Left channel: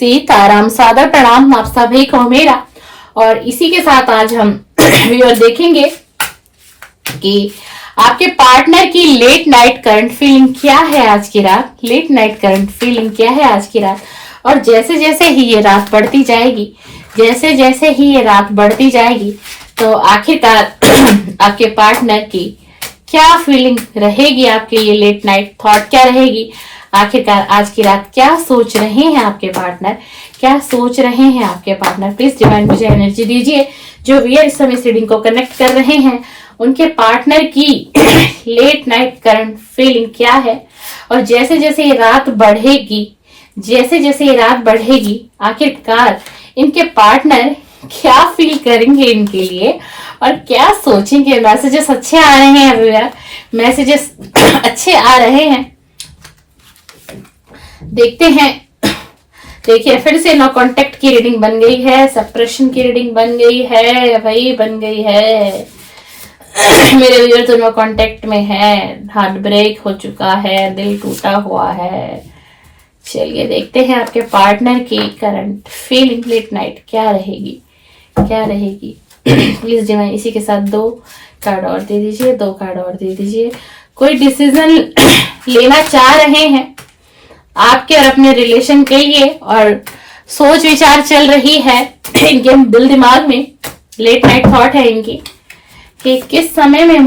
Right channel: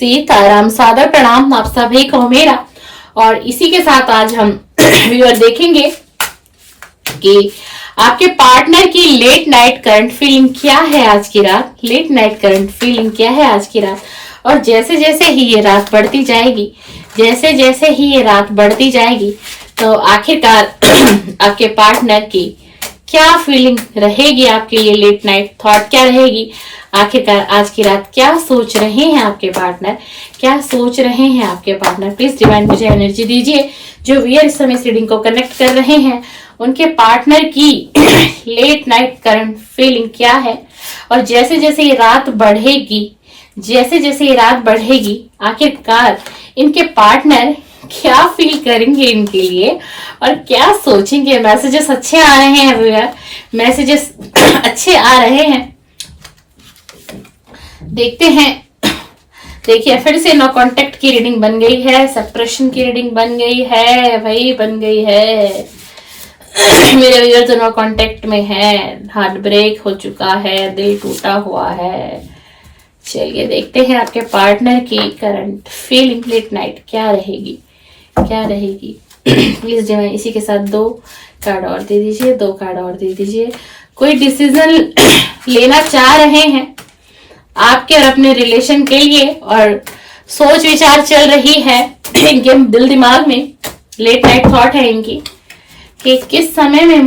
सीताराम, सादर प्रणाम आप सभी को मेरा। और इसी के साथ आज हम व्यूअर देखेंगे कि आपके पार्टनर की लेट नाइट करंट फीलिंग क्या है आज की रात। लेट नाइट करंट फीलिंग क्या है आज की रात। और जैसे जैसे ही ये रात बढ़ती जाएगी, जैसे जैसे ही ये रात बढ़ती जाएगी, तो आखिरकार आपके पार्टनर की क्या फीलिंग रहेगी, आपके ये लेट नाइट थॉट क्या रहेगी, आखिरकार आज की रात क्या सोच रहे हैं आपके पार्टनर, क्या सोच रहे हैं आपके पार्टनर। प्लीज डिवाइन मुझे एनर्जी दीजिए। जो व्यूअर इस समय रीडिंग को कनेक्ट कर रहे हैं, उनके पार्टनर की लेट नाइट करंट फीलिंग क्या है। और जैसे जैसे ये रात बढ़ेगी, जैसे जैसे ये रात बढ़ेगी, आखिरकार इनके पार्टनर क्या फील करेंगे इनके लिए और क्या सोचेंगे। मैसेजेस अच्छे आ रहे हैं व्यूअर, मैसेजेस अच्छे आ रहे हैं। देखते हैं। देखिए फिर से नो कांटेक्ट की रीडिंग बन गई है, सेपरेशन की रीडिंग बन गई है, वही बन गई है। मेरे व्यूअर तो नो कांटेक्ट में है, हार्ट ब्रेक हो चुका है, दिल टूटा हुआ है। चलिए देखते हैं आपके पार्टनर की करंट फीलिंग लेट नाइट क्या रहेगी, क्या रहेगी। प्लीज डिवाइन इसी के साथ 2 कार्ड और दे दीजिए, 2 कार्ड और दे दीजिए। कोई डिसीजन लेना चाह रहे हैं आपके और अपने रिलेशन के लिए, और सोच विचार चल रही है इनके दिल दिमाग में। लेट नाइट थॉट है इनकी कि किस समय में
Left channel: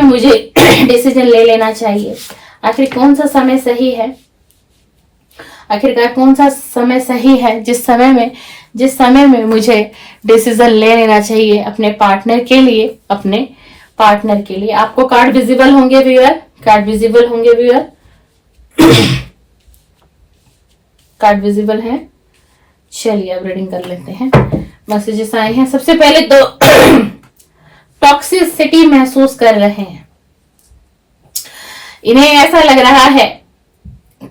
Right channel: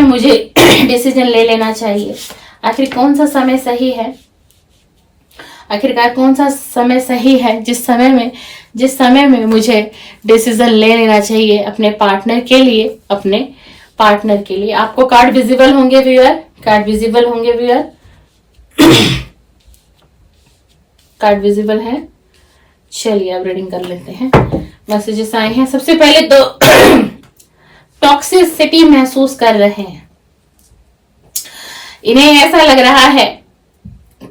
मुझे डिसीजन ले लेना चाहिए। आखिर कौन सा समय सही है, आखिरकार कौन सा समय सही है जिस समय में मुझे डिसीजन ले लेना चाहिए अपने पार्टनर के लिए, अपने पार्टनर के लिए। आपको कार्ड विजिबल होंगे व्यूअर, कार्ड विजिबल होंगे व्यूअर, कार्ड विजिबल है। चलिए अब रीडिंग कर लेते हैं। मैसेजेस आए हैं। सबसे पहले तो टॉक्सिसिटी महसूस कर रहे हैं। इन्हें ऐसा लग रहा है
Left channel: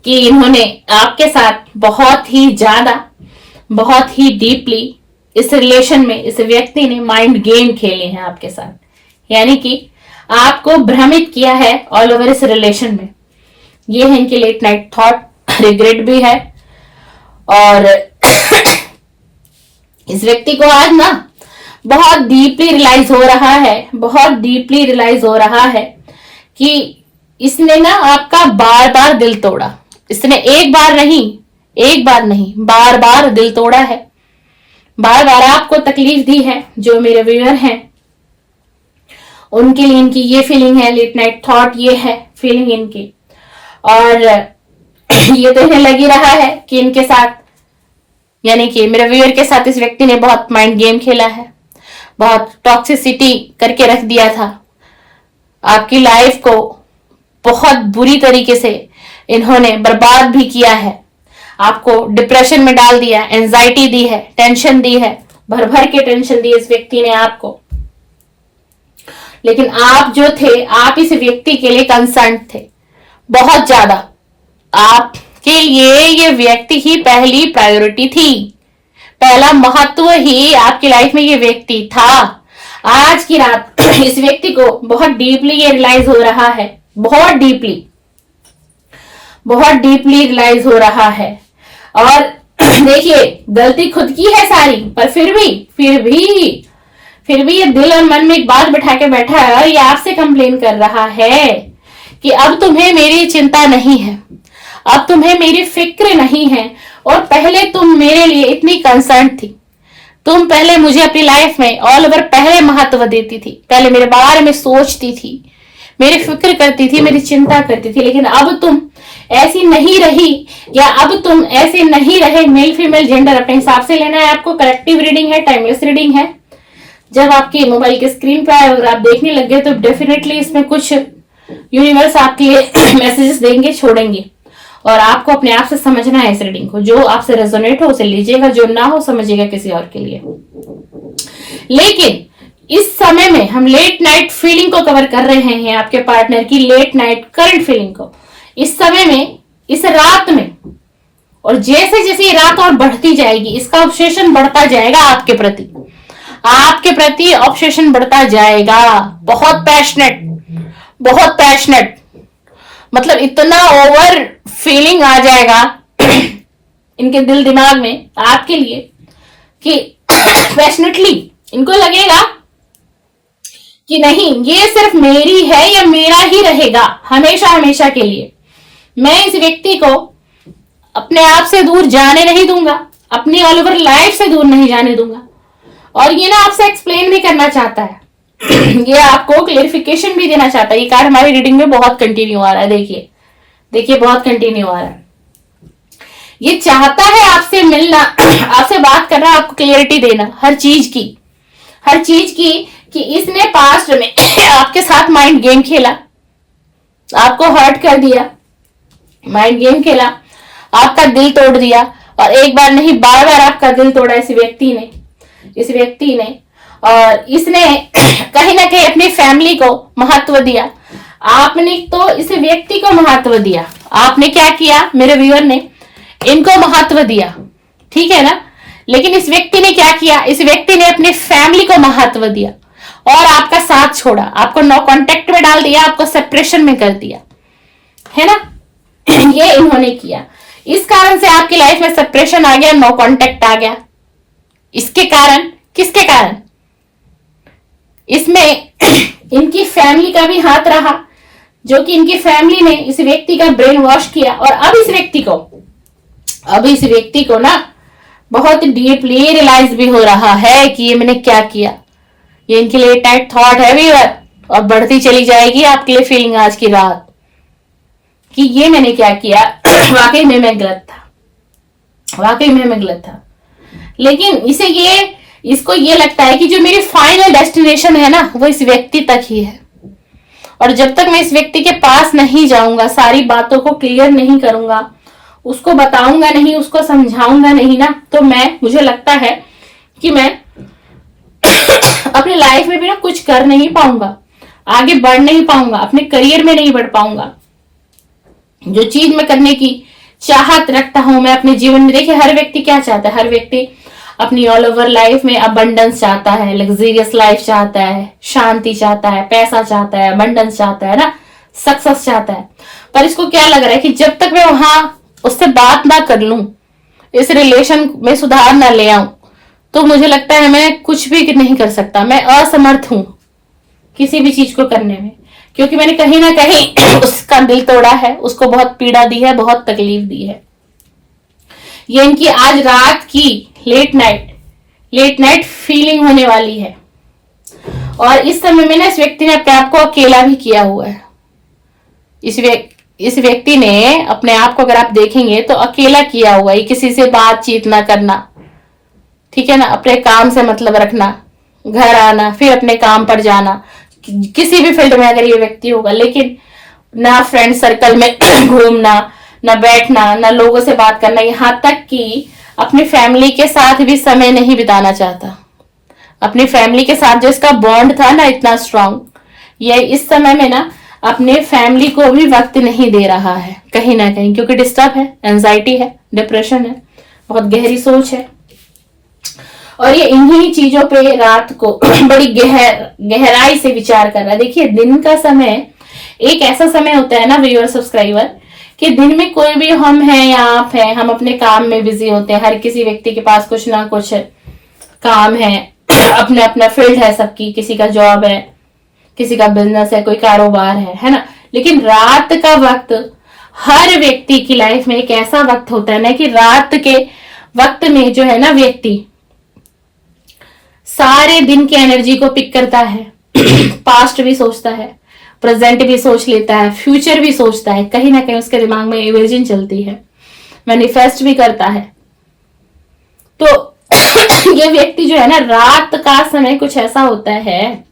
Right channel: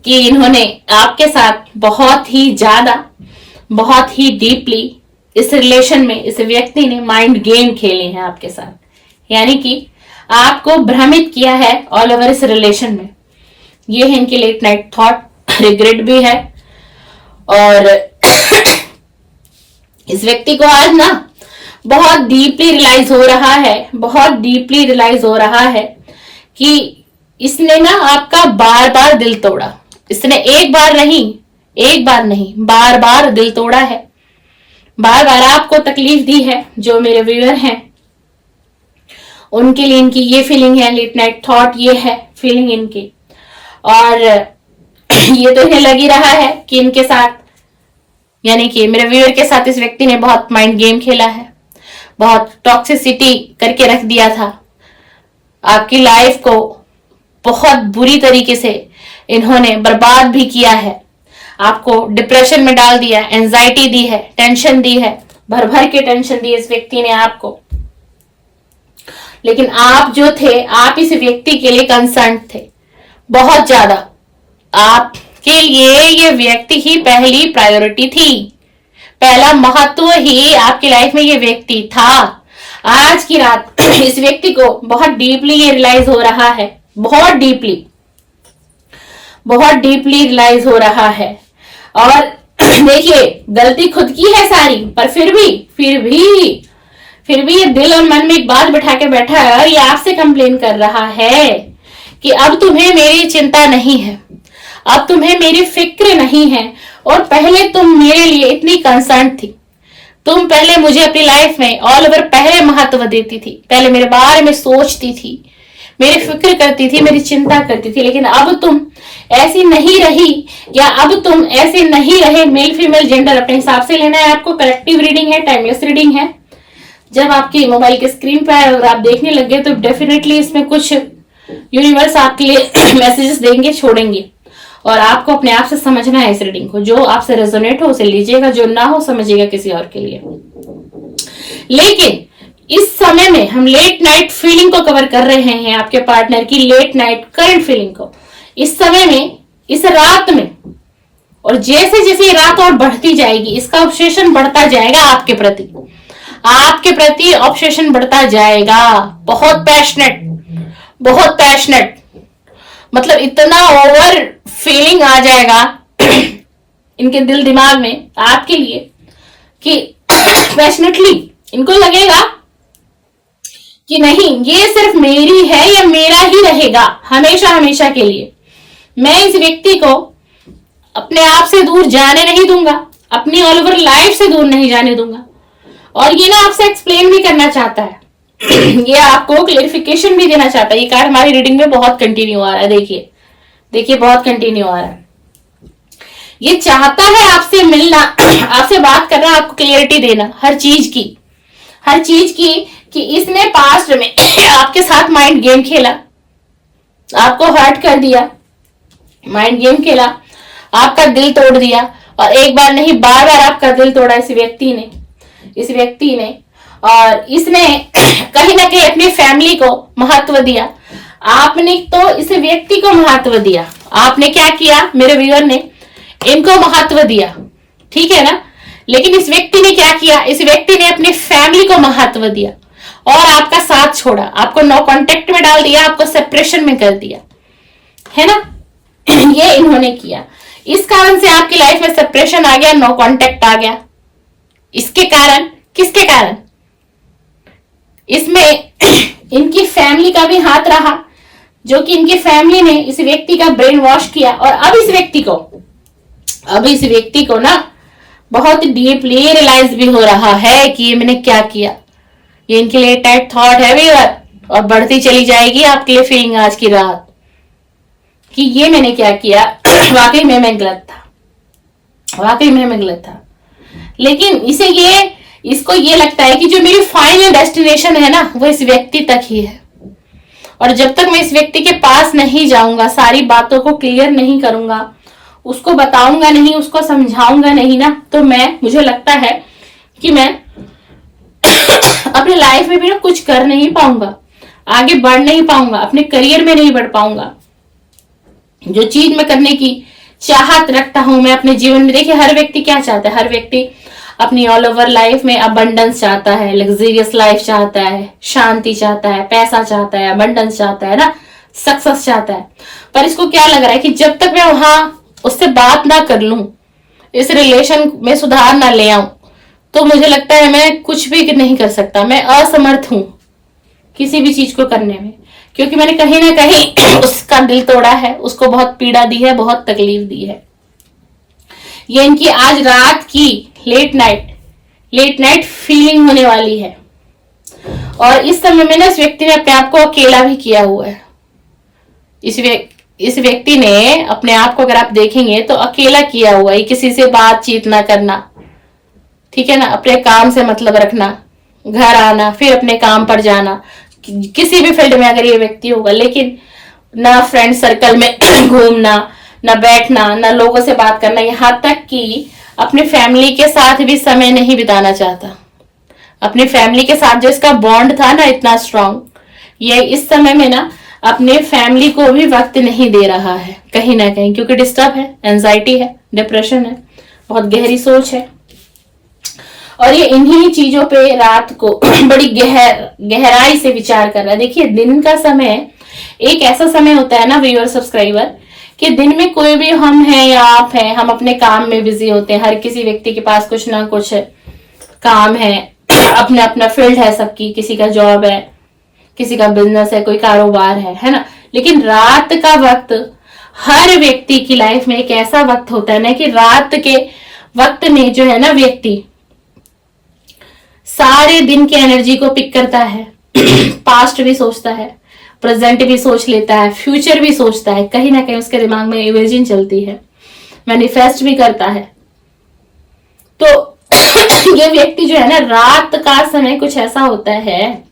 कि इन्होंने आपके साथ बहुत ही ज्यादा, बहुत ही डीपली इस रिलेशन में, इस व्यक्ति ने माइंड गेम खेले हैं आपके साथ, यानी कि आपको भ्रमित किया है ऑल ओवर इस रिलेशन में। ये है इनके लेट नाइट थॉट। रिग्रेट भी है। और इस व्यक्ति को आज ना बहुत डीपली रियलाइज हो रहा है, बहुत डीपली रियलाइज हो रहा है कि इसने ना आपका बार बार दिल तोड़ा। इसने एक बार नहीं बार बार दिल तोड़ा है, बार बार आपको तकलीफ दी है। जो मेरे व्यूअर हैं उनके लिए इनकी ये फीलिंग है, लेट नाइट थॉट ये है फीलिंग इनकी। और ये तो इन्हें लग ही रहा है कि इनके साथ, यानी कि मेरे व्यूअर के साथ इस व्यक्ति ने बहुत माइंड गेम खेला है, बहुत टॉक्सिसिटी करके रख दिया था। आपकी लाइफ को बहुत बुरी तरीके से इन्होंने बर्बाद भी किया है, आपको डिप्रेशन में डाल दिया, एंजाइटी दी है, टेंशन दी है, भर भर के टेंशन दी इस व्यक्ति ने आपको। लेकिन आप जो थे, आप इस व्यक्ति के लिए कंसर्न थे बहुत ज्यादा। आपके लिए ये व्यक्ति ही पहली प्रायोरिटी थी, पहला महत्व ही आपकी लाइफ में ये व्यक्ति था। आज की रात इस व्यक्ति को बहुत डीपली ये रियलाइज हो रहा है, बहुत डीपली रियलाइज हो रहा है। और देखिए गलती खुद की है सारी, पर फिर भी ये दिल और मन में एक बात बिठा के बैठा है और ये आपसे कंप्लेन कर रहा है कि अब तुम्हें मेरी चिंता नहीं है, अब तुम्हें मेरी फिक्र नहीं है। और पहले तुम मेरे लिए इतनी कंसर्न थी, तुम पहले मुझे अपनी लाइफ में ऑल ओवर पहले महत्व देती थी, पहले मेरे बारे में सोचती थी, मेरी फिक्र करती थी, मेरी चिंता करती थी। लेकिन अब तुम ऐसी नहीं रही, या अब तुम ऐसे नहीं रहे। मेल फीमेल जेंडर अपने हिसाब से लेना है आपको। करेक्टिव रीडिंग है, टाइमलेस रीडिंग है। जब आपके मोबाइल के स्क्रीन पर अगर आप देखने लग गए तो डेफिनेटली इसमें कुछ यूनिवर्स आपके लिए मैसेजेस देंगे, छोड़ेंगे, और आपको अपने आप से समझना है इस रीडिंग को। जो आपसे रेजोनेट हो उसे लीजिएगा, जो ना हो समझिएगा किसी और के लिए। लेकिन इस समय में हम लेट नाइट फीलिंग को कवर कर रहे हैं, आपके पार्टनर की लेट नाइट करंट फीलिंग को। इस समय में, इस रात में, और जैसे जैसे ये रात और बढ़ती जाएगी, इसका ऑब्सेशन बढ़ता जाएगा आपके प्रति ऑब्सेशन बढ़ता जाएगा। बहुत पैशनेट, मतलब इतना ओवर फीलिंग आ जाएगा इनके दिल दिमाग में आपके लिए कि पैशनेटली इनको लगेगा कि नहीं, ये सिर्फ मेरी है, ये मेरा ही रहेगा हमेशा हमेशा के लिए। मैं इस व्यक्ति को अपने आप से दूर जाने नहीं दूंगा, अपनी ऑल ओवर लाइफ से दूर नहीं जाने दूंगा। और ये ना आपसे एक्सप्लेन भी करना चाहता है ये आपको क्लेरिफिकेशन भी देना चाहता है। ये कार्ड हमारी रीडिंग में बहुत कंटिन्यू आ रहा है, देखिए देखिए बहुत कंटिन्यू आ रहा है। ये चाहता है आपसे मिलना, आपसे बात करना, आपको क्लियरिटी देना हर चीज की कि इसने पास्ट में आपके साथ माइंड गेम खेला, आपको हर्ट कर दिया, माइंड गेम खेला, आपका दिल तोड़ दिया। और एक बार नहीं, बार बार आपका दिल तोड़ा इस व्यक्ति ने। और इसने कहीं ना कहीं अपनी फैमिली को महत्व दिया। आपने तो इस व्यक्ति को महत्व दिया। आपने क्या किया, मेरे व्यूअर ने इनको महत्व दिया, ठीक है ना। लेकिन इस व्यक्ति ने क्या किया, इस व्यक्ति ने अपनी फैमिली को महत्व दिया और आपका साथ छोड़ा, आपको नो कांटेक्ट में डाल दिया, आपको सेपरेशन में कर दिया, है ना। ये इन्होंने किया। इस कारण से आपकी लाइफ में सेपरेशन आ गया, नो कांटेक्ट आ गया। इसके कारण, किसके कारण, इसमें इनकी फैमिली का भी हाथ रहा, जो कि इनकी फैमिली ने इस व्यक्ति का ब्रेन वॉश किया। और अब इस व्यक्ति को ना बहुत डीपली रियलाइज भी हो रहा है कि ये मैंने क्या किया। ये इनके लिए टाइट थॉट है व्यूअर, और बढ़ती चली जाएगी आपके लिए फीलिंग आज की रात कि ये मैंने क्या किया। वाकई में मैं गलत था। लेकिन इसको ये लगता है कि जो मेरी फाइनल डेस्टिनेशन है ना, वो इस व्यक्ति तक ही है। और जब तक मैं इस व्यक्ति के पास नहीं जाऊंगा, सारी बातों को क्लियर नहीं करूंगा, उसको बताऊंगा नहीं, उसको समझाऊंगा नहीं ना, तो मुझे लगता है कि मैं अपनी लाइफ में भी ना कुछ कर नहीं पाऊंगा, आगे बढ़ नहीं पाऊंगा, अपने करियर में नहीं बढ़ पाऊंगा। जो चीज मैं करने की चाहत रखता हूं मैं अपने जीवन में, देखिए हर व्यक्ति क्या चाहता है, हर व्यक्ति अपनी ऑल ओवर लाइफ में अबंडेंस चाहता है, लग्जरियस लाइफ चाहता है, शांति चाहता है, पैसा चाहता है, अबंडेंस चाहता है ना, सक्सेस चाहता है। पर इसको क्या लग रहा है कि जब तक मैं वहां उससे बात ना कर लूं, इस रिलेशन में सुधार ना ले आऊं, तो मुझे लगता है मैं कुछ भी नहीं कर सकता। मैं असमर्थ हूं किसी भी चीज को करने में, क्योंकि मैंने कहीं ना कहीं उसका दिल तोड़ा है, उसको बहुत पीड़ा दी है, बहुत तकलीफ दी है। ये इनकी आज रात की लेट नाइट फीलिंग होने वाली है। और इस समय में ना इस व्यक्ति ने अपने आप को अकेला भी किया हुआ है। इस व्यक्ति ने अपने आप को, अगर आप देखेंगे तो अकेला किया हुआ है। किसी से बातचीत ना करना, ठीक है ना, अपने काम से मतलब रखना, घर आना फिर अपने काम पर जाना, किसी भी फील्ड में अगर ये व्यक्ति होगा। लेकिन ना फ्रेंड सर्कल में घूमना, ना बैठना, ना लोगों से बात करना, यहाँ तक कि अपनी फैमिली के साथ भी समय नहीं बिताना चाहता। अपनी फैमिली के साथ जो इसका बॉन्ड था ना इतना स्ट्रांग, ये इस समय में ना अपने फैमिली को भी वक्त नहीं दे रहा है कहीं ना कहीं, क्योंकि डिस्टर्ब है, एंजाइटी है, डिप्रेशन है, बहुत गहरी सोच है। और ये इन्हीं चीजों पे रात को बड़ी गहराई से विचार कर रहा है। देखिए दिन का समय एक ऐसा समय होता है ना व्यूअर सब्सक्राइबर, कि दिन में कोई भी हम हैं या आप हैं, हम अपने काम में बिजी होते हैं। हर किसी व्यक्ति के पास कुछ ना कुछ काम है, अपना अपना फील्ड है सबकी, किसी का जॉब है, किसी का बिजनेस है, कोई कारोबार है ना। लेकिन रात का वक्त हर व्यक्ति की लाइफ में एक ऐसा वक्त होता है ना कि रात के वक्त में जो है ना व्यक्ति सारे दिन की एनर्जी को पिक करता है। पास्ट भी सोचता है, प्रेजेंट भी सोच लेता है, फ्यूचर भी सोचता है, कहीं ना कहीं उसके दिमाग में इमेजिन चलती है, मैनिफेस्ट भी करता है। तो ये व्यक्ति जो है ना, रात का समय कुछ ऐसा होता है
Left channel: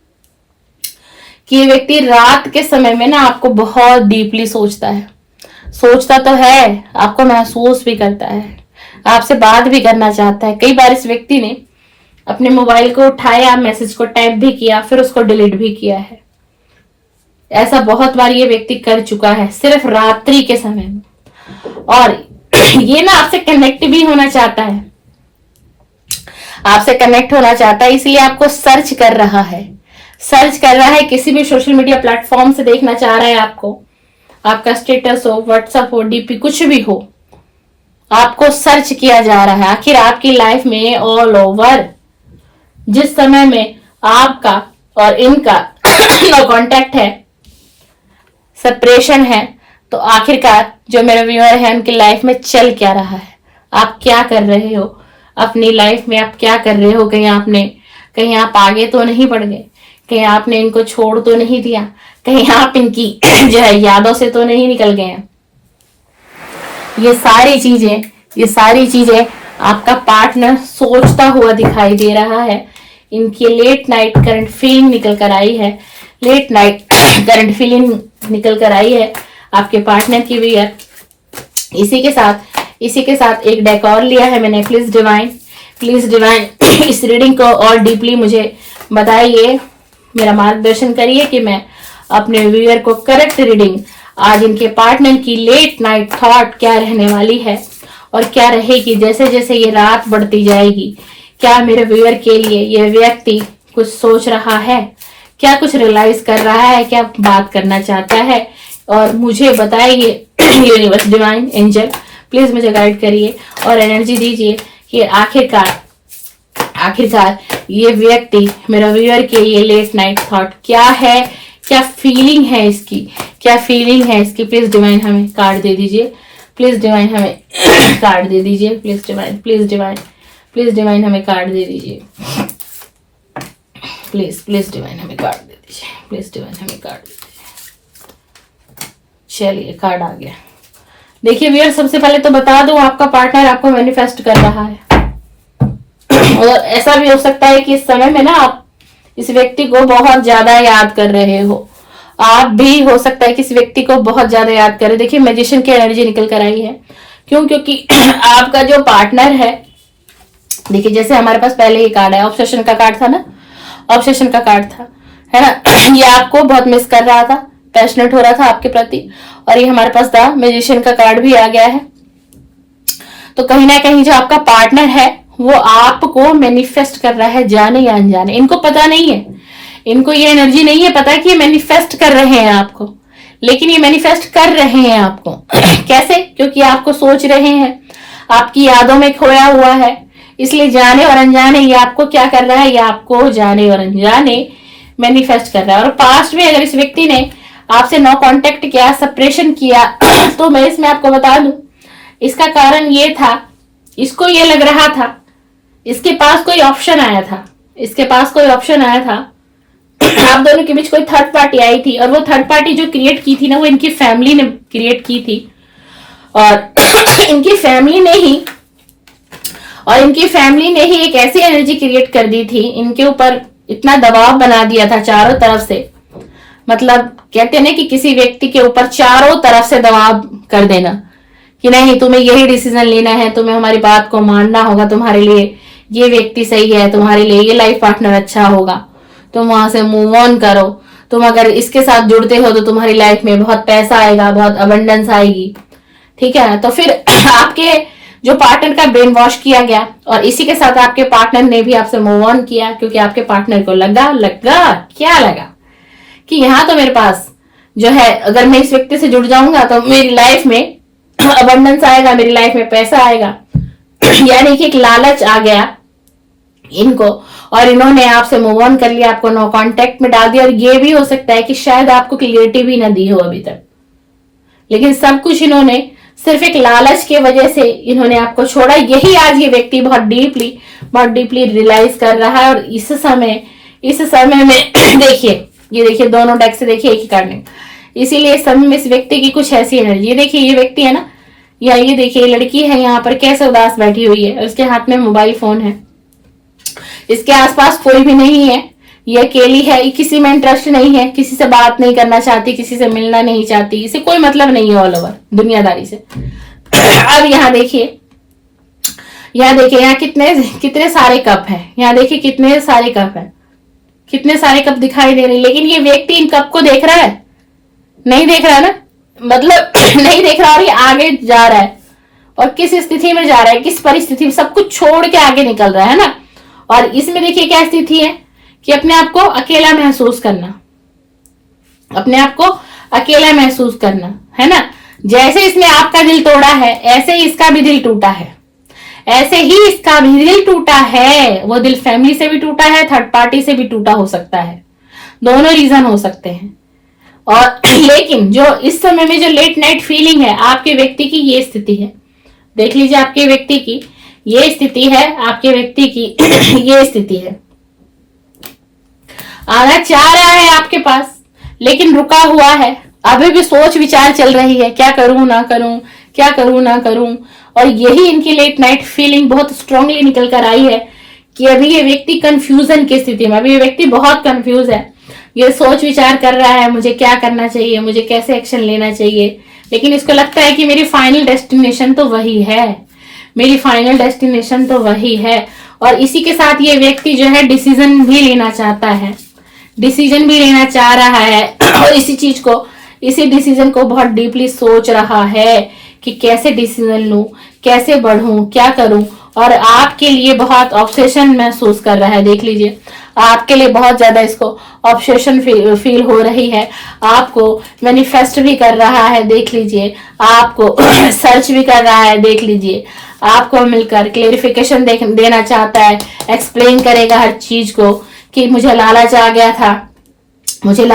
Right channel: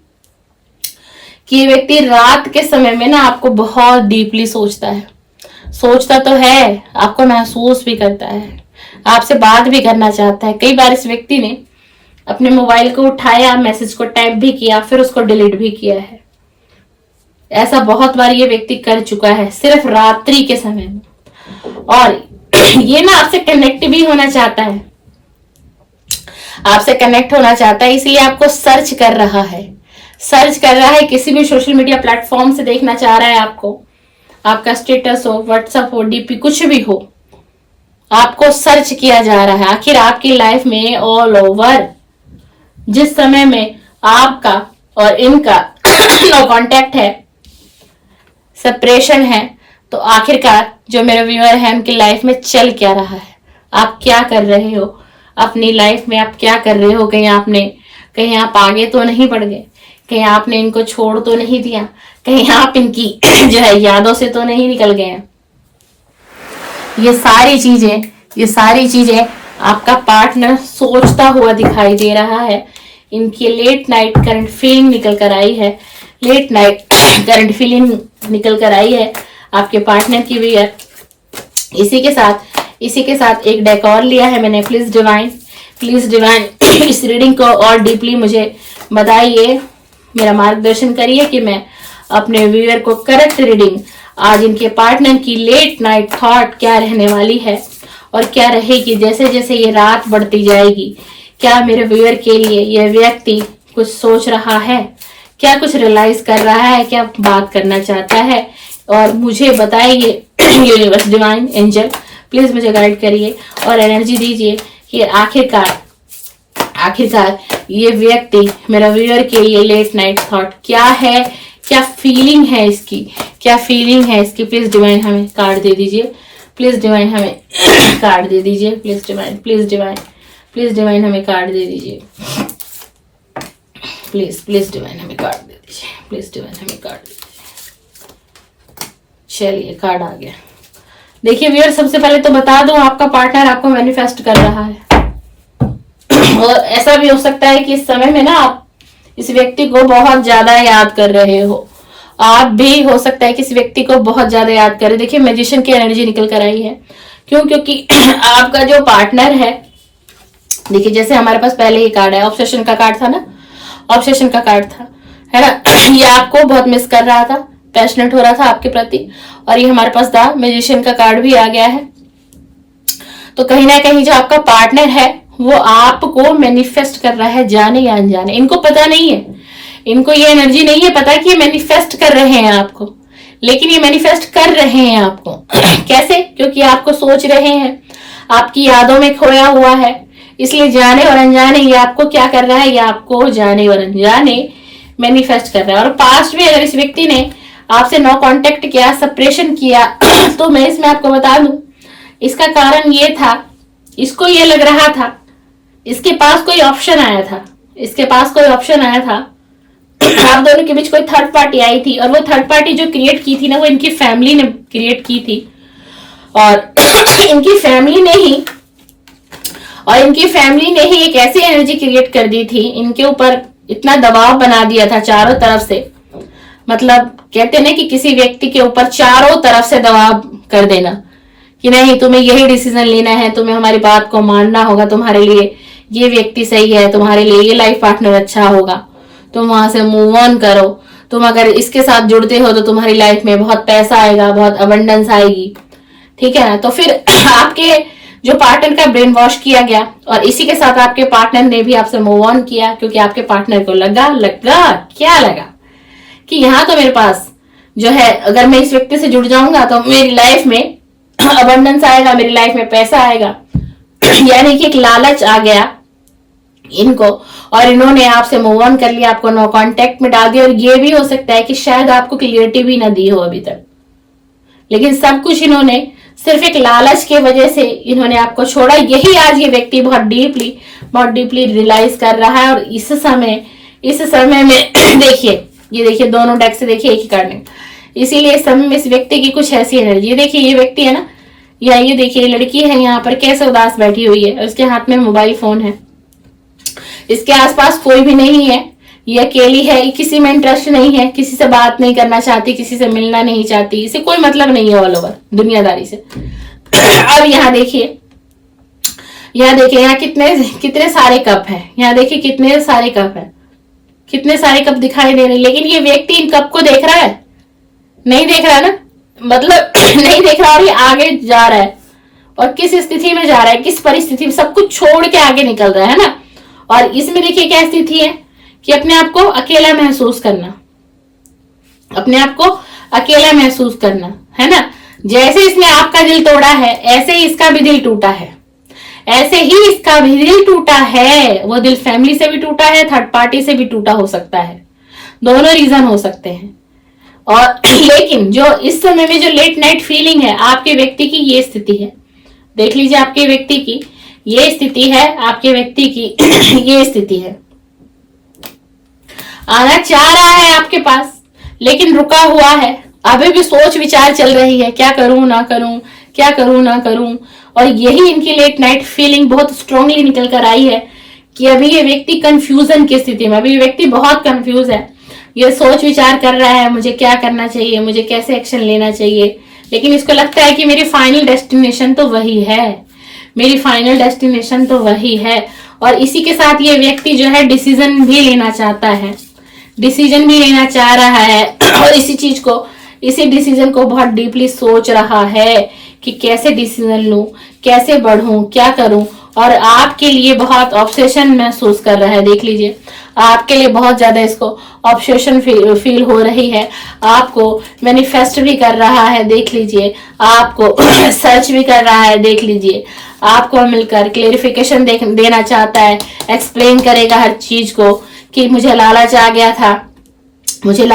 कि ये व्यक्ति रात के समय में ना आपको बहुत डीपली सोचता है। सोचता तो है, आपको महसूस भी करता है, आपसे बात भी करना चाहता है। कई बार इस व्यक्ति ने अपने मोबाइल को उठाया, मैसेज को टाइप भी किया, फिर उसको डिलीट भी किया है। ऐसा बहुत बार ये व्यक्ति कर चुका है सिर्फ रात्रि के समय में। और ये ना आपसे कनेक्ट भी होना चाहता है, आपसे कनेक्ट होना चाहता है, इसलिए आपको सर्च कर रहा है, किसी भी सोशल मीडिया प्लेटफॉर्म से देखना चाह रहा है आपको। आपका स्टेटस हो, व्हाट्सएप हो, डीपी कुछ भी हो, आपको सर्च किया जा रहा है। आखिर आपकी लाइफ में ऑल ओवर जिस समय में आपका और इनका नो कांटेक्ट है, सेपरेशन है, तो आखिरकार जो मेरे व्यूअर है उनकी लाइफ में चल क्या रहा है, आप क्या कर रहे हो अपनी लाइफ में, आप क्या कर रहे हो? कहीं आप आगे तो नहीं बढ़ गए, कहीं आपने इनको छोड़ तो नहीं दिया, कहीं आप इनकी जो है यादों से तो नहीं निकल गए हैं? ये सारी चीजें आपका पार्टनर सोचता हुआ दिखाई दे रहा है। इनकी लेट नाइट करंट फीलिंग निकल कर आई है, लेट नाइट करंट फीलिंग निकल कर आई है आपके पार्टनर की भी है। इसी के साथ एक डेक और लिया है मैंने। प्लीज डिवाइन इस रीडिंग को और डीपली मुझे बताइए, मेरा मार्गदर्शन करिए कि मैं अपने व्यूअर को करेक्ट रीडिंग, आज इनके पार्टनर की लेट नाइट थॉट क्या रहने वाली है और क्या रहेगी जैसे जैसे ये रात बढ़ती जाएगी। क्या मेरे व्यूअर के लिए ये व्यक्ति कुछ सोच रहा है, क्या कुछ रियलाइज कर रहा है, क्या बात करना चाहता है, और मुझे बताइए यूनिवर्स, डिवाइन एंजल प्लीज मुझे गाइड करिए और एनर्जी दीजिए कि आखिरकार ये व्यक्ति मेरा व्यूअर के लिए लेट नाइट थॉट क्या है, क्या फीलिंग है इसकी, प्लीज डिवाइन हमें कार्ड दे दीजिए, प्लीज डिवाइन हमें कार्ड दे दीजिए, प्लीज डिवाइन हमें कार्ड दे दीजिए, प्लीज डिवाइन हमें कार्ड दे दीजिए, प्लीज डिवाइन हमें कार्ड दे दीजिए। चलिए कार्ड आ गया। देखिए व्यूअर, सबसे पहले तो बता दूं, आपका पार्टनर आपको मैनिफेस्ट कर रहा है और ऐसा भी हो सकता है कि इस समय में ना आप इस व्यक्ति को बहुत ज्यादा याद कर रहे हो। आप भी हो सकता है कि इस व्यक्ति को बहुत ज्यादा याद करें। देखिए मैजिशियन की एनर्जी निकल कर आई है। क्यों? क्योंकि आपका जो पार्टनर है, देखिए जैसे हमारे पास पहले ही कार्ड है, ऑब्सेशन का कार्ड था ना, ऑब्सेशन का कार्ड था, है ना। ये आपको बहुत मिस कर रहा था, पैशनेट हो रहा था आपके प्रति, और ये हमारे पास द मैजिशियन का कार्ड भी आ गया है। तो कहीं ना कहीं जो आपका पार्टनर है वो आपको मैनिफेस्ट कर रहा है, जाने या अनजाने। इनको पता नहीं है, इनको ये एनर्जी नहीं है पता कि ये मैनिफेस्ट कर रहे हैं आपको, लेकिन ये मैनिफेस्ट कर रहे हैं आपको कैसे? क्योंकि आपको सोच रहे हैं, आपकी यादों में खोया हुआ है, इसलिए जाने और अनजाने ये आपको क्या कर रहा है, ये आपको जाने और अनजाने मैनिफेस्ट कर रहा है। और पास्ट में अगर इस व्यक्ति ने आपसे नो कांटेक्ट किया, सेपरेशन किया तो मैं इसमें आपको बता दूं, इसका कारण ये था, इसको ये लग रहा था, इसके पास कोई ऑप्शन आया था, आप दोनों के बीच कोई थर्ड पार्टी आई थी, और वो थर्ड पार्टी जो क्रिएट की थी ना, वो इनकी फैमिली ने क्रिएट की थी, और इनकी फैमिली ने ही एक ऐसी एनर्जी क्रिएट कर दी थी, इनके ऊपर इतना दबाव बना दिया था चारों तरफ से। मतलब कहते हैं ना कि किसी व्यक्ति के ऊपर चारों तरफ से दबाव कर देना कि नहीं, तुम्हें यही डिसीजन लेना है, तुम्हें हमारी बात को मानना होगा, तुम्हारे लिए ये व्यक्ति सही है, तुम्हारे लिए ये लाइफ पार्टनर अच्छा होगा, तुम वहां से मूव ऑन करो, तुम अगर इसके साथ जुड़ते हो तो तुम्हारी लाइफ में बहुत पैसा आएगा, बहुत अबंडेंस आएगी, ठीक है ना। तो फिर आपके जो पार्टनर का ब्रेन वॉश किया गया, और इसी के साथ आपके पार्टनर ने भी आपसे मूव ऑन किया, क्योंकि आपके पार्टनर को लगा कि यहाँ तो मेरे पास जो है, अगर मैं इस व्यक्ति से जुड़ जाऊंगा तो मेरी लाइफ में अबंडेंस आएगा, मेरी लाइफ में पैसा आएगा। यानी कि एक लालच आ गया इनको, और इन्होंने आपसे मूव ऑन कर लिया, आपको नो कांटेक्ट में डाल दिया। और ये भी हो सकता है कि शायद आपको क्लियरिटी भी ना दी हो अभी तक, लेकिन सब कुछ इन्होंने सिर्फ एक लालच की वजह से इन्होंने आपको छोड़ा। यही आज ये व्यक्ति बहुत डीपली रियलाइज कर रहा है। और इस समय में देखिए, ये देखिए दोनों डेक से देखिए एक ही कार्ड में, इसीलिए इस समय में इस व्यक्ति की कुछ ऐसी एनर्जी, देखिए ये व्यक्ति है ना, या ये देखिए लड़की है यहाँ पर कैसे उदास बैठी हुई है, और इसके हाथ में मोबाइल फोन है, इसके आसपास कोई भी नहीं है, ये अकेली है, किसी में इंटरेस्ट नहीं है, किसी से बात नहीं करना चाहती, किसी से मिलना नहीं चाहती, इसे कोई मतलब नहीं है ऑल ओवर दुनियादारी से। अब यहाँ देखिए यहाँ कितने सारे कप है, यहाँ देखिए कितने सारे कप है, कितने सारे कप दिखाई दे रहे, लेकिन ये व्यक्ति इन कप को देख रहा है, नहीं देख रहा ना, मतलब नहीं देख रहा, और ये आगे जा रहा है, और किस स्थिति में जा रहा है, किस परिस्थिति में, सब कुछ छोड़ के आगे निकल रहा है ना। और इसमें देखिए क्या स्थिति है कि अपने आप को अकेला महसूस करना, है ना। जैसे इसने आपका दिल तोड़ा है ऐसे ही इसका भी दिल टूटा है, ऐसे ही इसका भी दिल टूटा है। वो दिल फैमिली से भी टूटा है, थर्ड पार्टी से भी टूटा हो सकता है, दोनों रीजन हो सकते हैं। और लेकिन जो इस समय में जो लेट नाइट फीलिंग है आपके व्यक्ति की, ये स्थिति है, देख लीजिए आपके व्यक्ति की ये स्थिति है, आपके व्यक्ति की ये स्थिति है। आना चाह रहा है आपके पास लेकिन रुका हुआ है, अभी भी सोच विचार चल रही है, क्या करूं ना करूं, क्या करूं ना करूं। और यही इनकी लेट नाइट फीलिंग बहुत स्ट्रांगली निकल कर आई है कि अभी ये व्यक्ति कंफ्यूजन की स्थिति में, अभी ये व्यक्ति बहुत कंफ्यूज है, ये सोच विचार कर रहा है मुझे क्या करना चाहिए, मुझे कैसे एक्शन लेना चाहिए। लेकिन इसको लगता है कि मेरी फाइनल डेस्टिनेशन तो वही है, मेरी फाइनल डेस्टिनेशन तो वही है। और इसी के साथ ये व्यक्ति जो है डिसीजन भी लेना चाहता है, डिसीजन भी लेना चाह रहा है और इसी डिसीजन को बहुत डीपली सोच रहा है कि कैसे डिसीजन लूं, कैसे बढ़ूं, क्या करूं। और आपके लिए बहुत ऑब्सेशन महसूस कर रहा है, देख लीजिए आपके लिए बहुत ज्यादा इसको ऑब्सेशन फील हो रही है, आपको मैनिफेस्ट भी कर रहा है, देख लीजिए आपको सर्च भी कर रहा है, देख लीजिए आपको मिलकर क्लेरिफिकेशन देना चाहता है, एक्सप्लेन करेगा हर चीज को कि मुझे लालच आ गया था, मुझे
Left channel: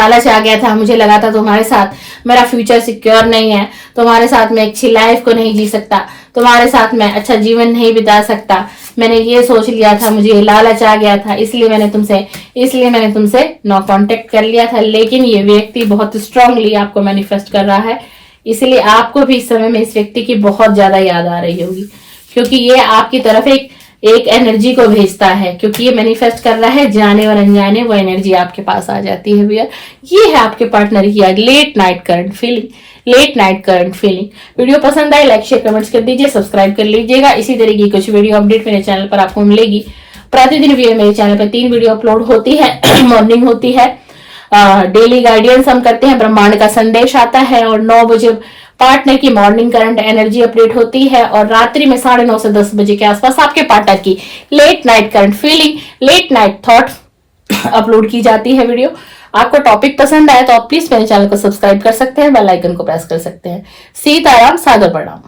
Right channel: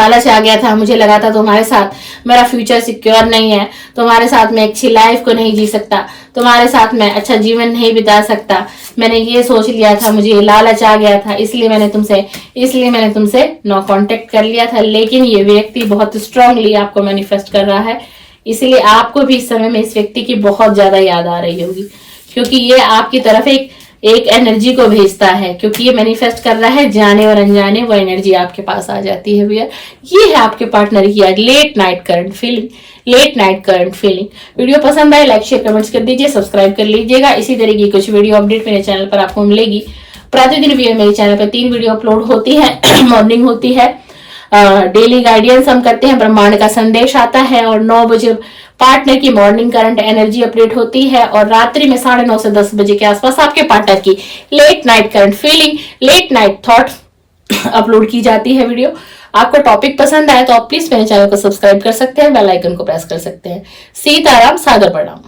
लगा था तुम्हारे साथ मेरा फ्यूचर सिक्योर नहीं है, तुम्हारे साथ मैं अच्छी लाइफ को नहीं जी सकता, तुम्हारे साथ मैं अच्छा जीवन नहीं बिता सकता, मैंने ये सोच लिया था, मुझे लालच आ गया था, इसलिए मैंने तुमसे नो कांटेक्ट कर लिया था। लेकिन ये व्यक्ति बहुत स्ट्रांगली आपको मैनिफेस्ट कर रहा है, इसलिए आपको भी इस समय में इस व्यक्ति की बहुत ज्यादा याद आ रही होगी, क्योंकि ये आपकी तरफ एक एनर्जी को भेजता है, क्योंकि ये मैनिफेस्ट कर रहा है, जाने और अनजाने वो एनर्जी आपके पास आ जाती है भैया। ये है आपके पार्टनर की आज late night current feeling. Video पसंद आए लाइक शेयर कमेंट्स कर दीजिए, सब्सक्राइब कर लीजिएगा। इसी तरह की कुछ वीडियो अपडेट मेरे चैनल पर आपको मिलेगी। प्रतिदिन मेरे चैनल पर 3 वीडियो अपलोड होती है मॉर्निंग होती है, डेली गाइडेंस हम करते हैं, ब्रह्मांड का संदेश आता है, और 9 बजे पार्टनर की मॉर्निंग करंट एनर्जी अपडेट होती है, और रात्रि में 9:30 से 10 बजे के आसपास आपके पार्टनर की late night current feeling, late night thoughts upload की जाती है वीडियो। आपको टॉपिक पसंद आए तो आप प्लीज मेरे चैनल को सब्सक्राइब कर सकते हैं, बेल आइकन को प्रेस कर सकते हैं। सीताराम, सादर प्रणाम।